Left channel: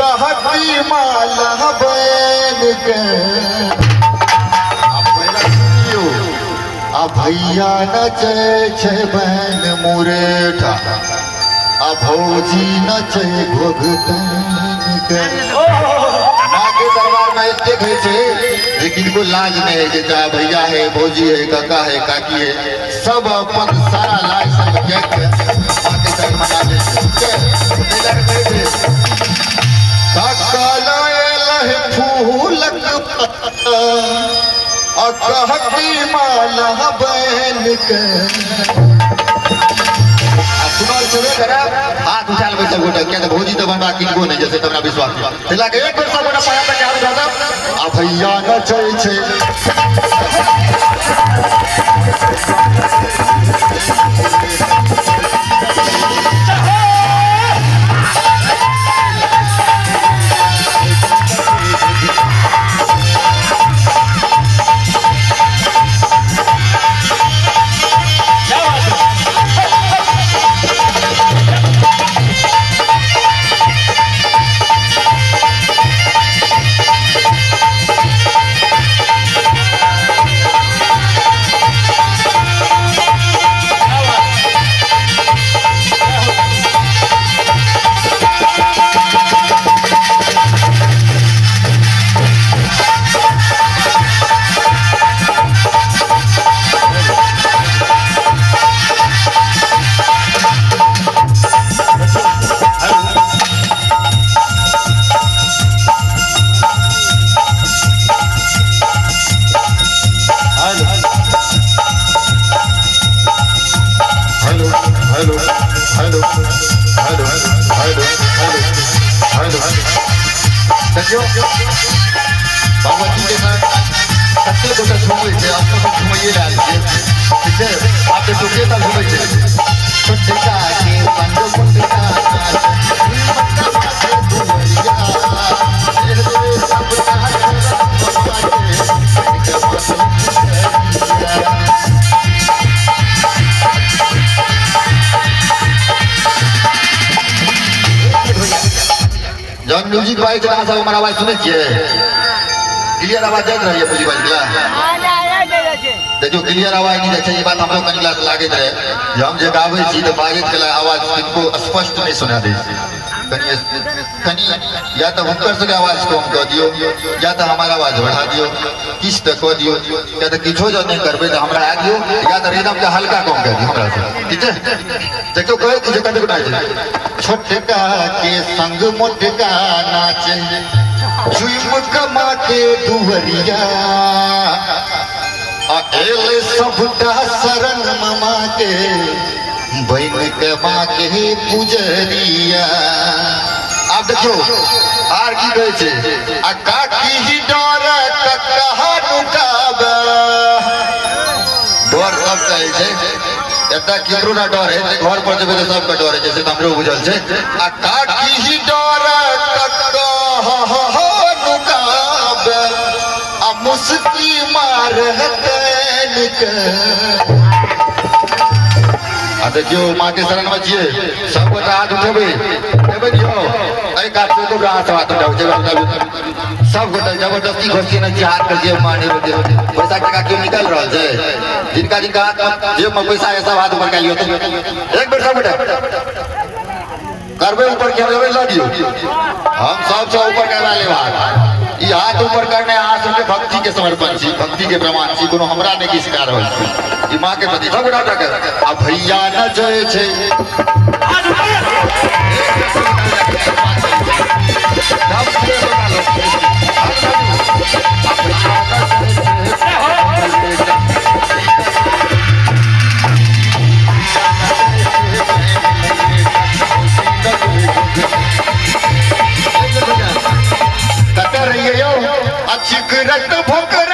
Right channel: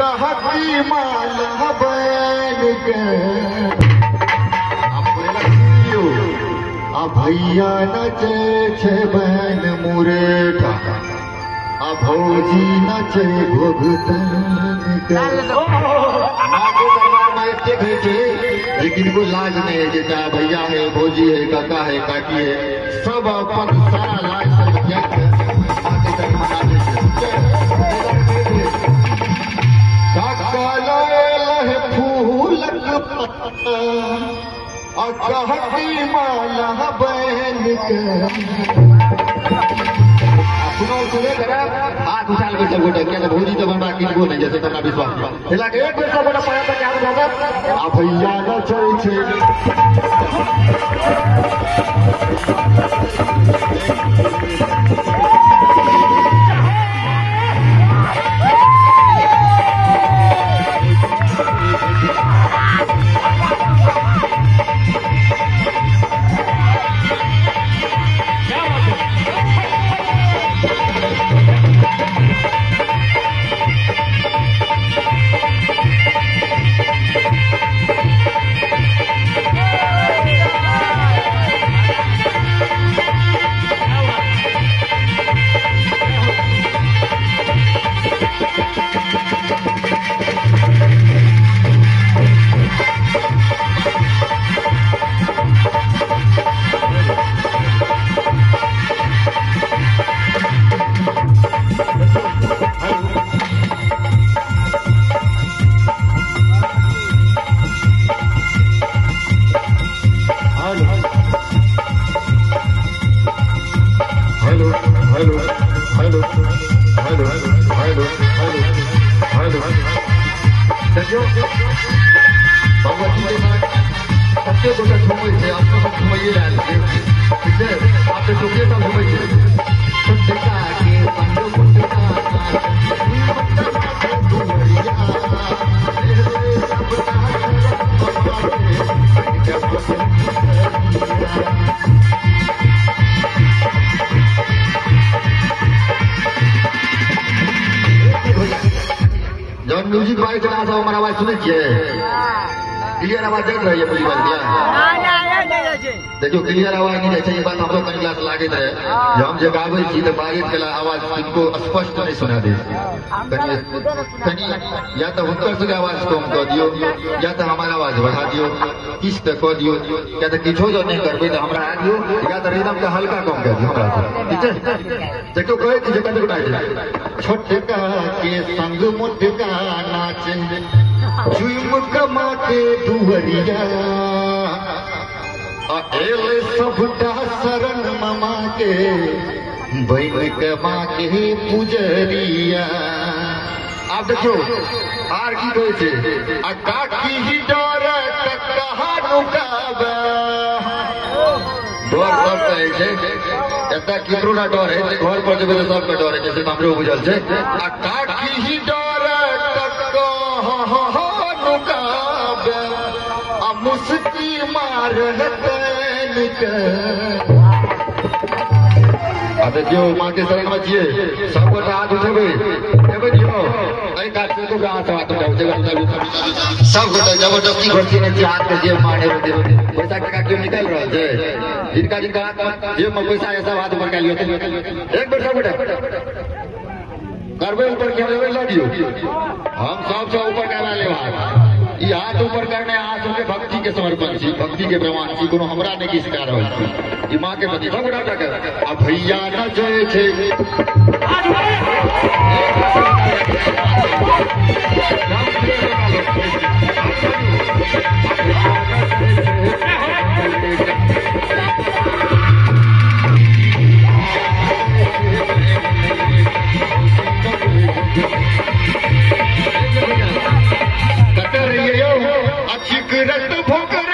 कहती माला बैन के भैया नचे छे बहन मुरेठा भौजी नचे भोगतन के माँ के दरबार में इतने गए थे लेकिन को लाज नहीं है जैसा भैया है भौजी है काका है काकी है सब अपन सारा लाज सब त्याग कर माँ के कहती माला बैन के हाथ उछाल के सब उठे क्या भौजी तो बनवा किनको नहीं जैसे तुम्हारा विश्वास हिला के एक वर्ष बड़ा पाया था क्या भैया न चल छे भगवती के साथ सबसे बड़ा घूमे थे आपको घुमाइए जा रहे थे आप देखिए सब घूमे थे छोटा के पंडो जब म्यूजिक भाई चला सब हमारा आवाज सुने क्लियर आवाज जात रही है पूरी बात देखो क्लियर आवाज नहीं चाहिए बात हम लोग कनी क्लास लागे रहे जो हम जो गावे छी तो बारिश के आवाज इनको स्पष्ट नहीं सुना दे कनी या तो हुनकर से आवाज कम कर दियो या तो हमारा आवाज बढ़ा दियो किस तक कर दियो या तो किछो जो नहीं करबे तो हमरा आ दियो या तो रिदम के हल्का कम कर दियो हमरा से ठीक है देखो कहे कि जो कते गुटा छोटका के संग मोटका नाचे झुम कमा के दुवरिया अकेले सबटा शरण ममा के बहन के माँ के पुजरिया आप देखियो आर की कहे छे आ काकी ही डर कक्का नुकाबा डर सब कहे छे एटा केकरो ना डर है घर पर जेबे सब का डर है जैसे हमरो बुझल छे आ काकी ही डर कक्का नुकाबा आ मुस्की मार देखियो माँ के शरण में जिए सबको हाथ उठेबे सब गोटा जबरदस्ती घोषी नहीं हाथ कर दिए माने पैसा टका क्यों निकल रहा है जिनका जिनका जेब में पैसा है सब हाथ ऊपर का एक बार सब करबे ऊपर क्या ला दियो हम सब ऊपर करवा ले ये हाथ ऊपर करने हाथ के भक्ति के समर्पण छी भक्ति के प्रमाण छी कोनो हमरा ने की शिकार होल छी ई मां के प्रति सब डाटा कर आ भैया न जय छे अच्छी करत भोकर